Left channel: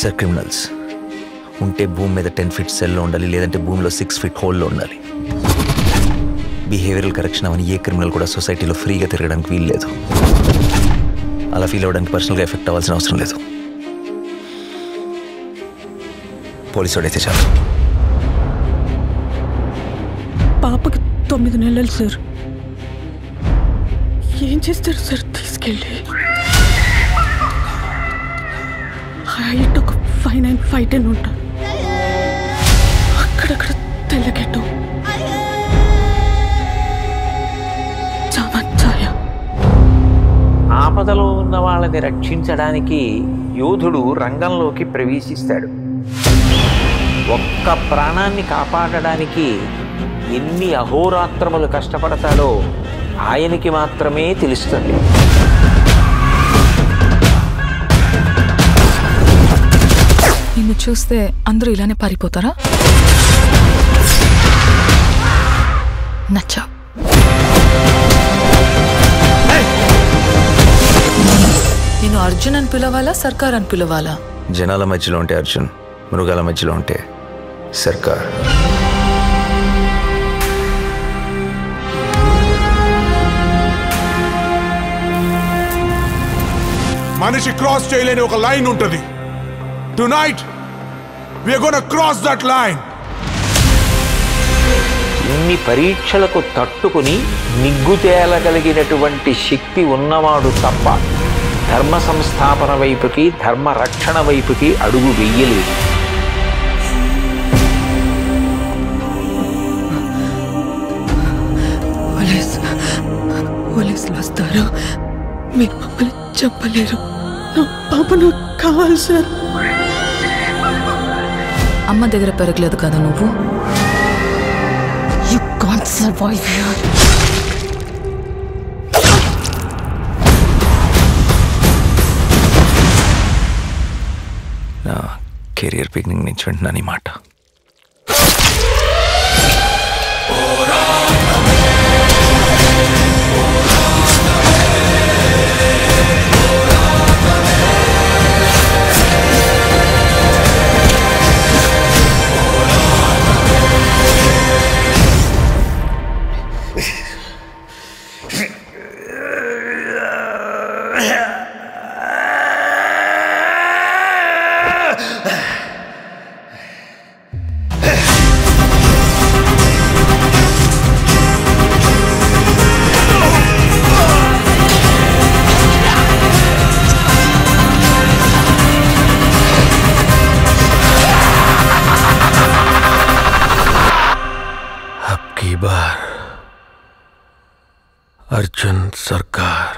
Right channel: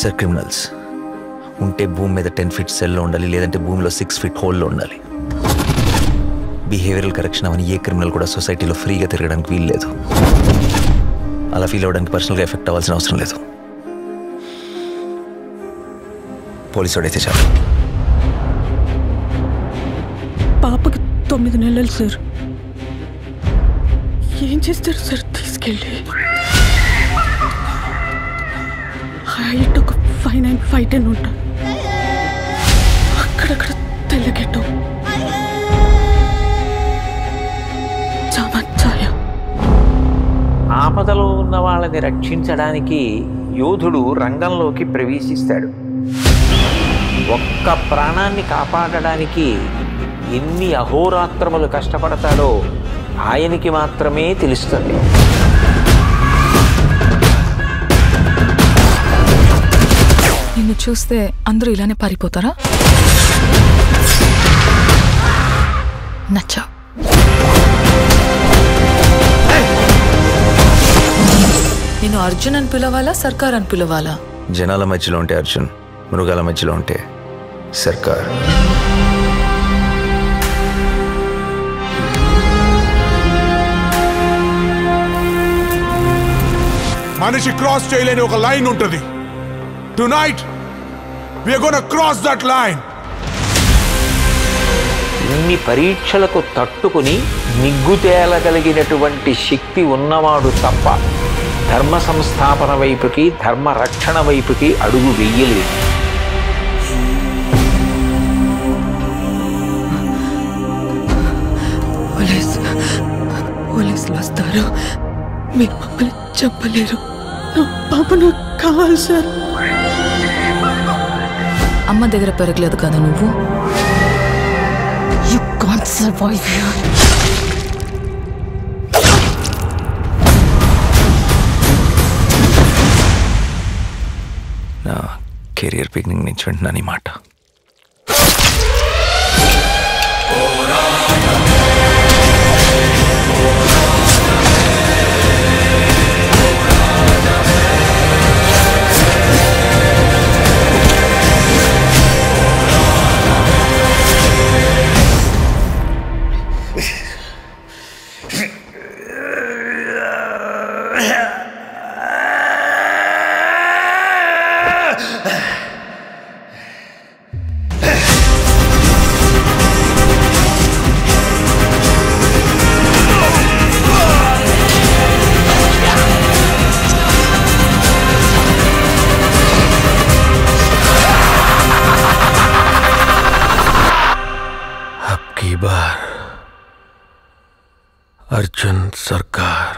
Sir criminals ఉంటే భూమి మీద 10 feet సెల్లో ఉండాలి, లేదంటే భూమిలో 6 feet హోల్లో ఉండాలి. బిహేవియరల్ కరెక్షన్ అవని ఏ క్రిమినల్ కూడా సొసైటీలో ఫ్రీగా తిరగడానికి వీలు లేదు. అలా ఫీల్ అవ్వడానికి పర్సనల్గా ఎఫెక్ట్ అవ్వాల్సిన అవసరం లేదు. పోలీసు వాడైతే చాలు. పాపకి 9 నెలలు సార్. ఏం చేస్తారు సార్ తీసుకెళ్ళి? హైట్ ఒక 5'9", 5'10" ఉంటారు. అక్కడక్కడ తెల్లగెట్టు చామచ్చాయ. ఆపదలో ఉన్న వాళ్ళని రక్షించడానికి యోధుడు రంగంలోకి ప్రవేశిస్తాడు. ఒక్క ప్రాణాన్ని కాపాడడానికి ఎన్ని అహోరాత్రములు కష్టపడతాడో ఆయనకి మాత్రమే తెలుస్తుంది. నిన్ను చూస్తే అందరూ ఇలానే పారిపోతారా? నచ్చా. నేను అర్జున్ అని పిలవాలా, సర్కార్ అని పిలవాలా? జనాల మధ్యలో ఉంటే అర్జున్, మృగాల మధ్యలో ఉంటే సర్కార్. మనిషి క్రాస్ చేయలేని ఒక లైన్ ఉంటుంది. Tonight we are gonna cross that line. ఇన్ని పరీక్షలకు తట్టుకుని నిగ్గు తేలగలిగినటువంటి శక్తి ఉన్నవాడు తప్ప ధర్మ సంస్థాపన వైపుకి, ధర్మ రక్షణ వైపుకి అడుగు వెయ్యలేదు. పోలీసులు వస్తారు, మీరు మమ్మల్ని చెప్పలేరు. నా పాప నాకు కావాలి సార్. అమ్మ దగ్గర పెరగలేదు కదా నువ్వు. You can't survive here. నా కెరియర్ బిగినింగ్ నుంచి వింటున్నాను ఈ మాట. अब की बार अर्जुन सरकार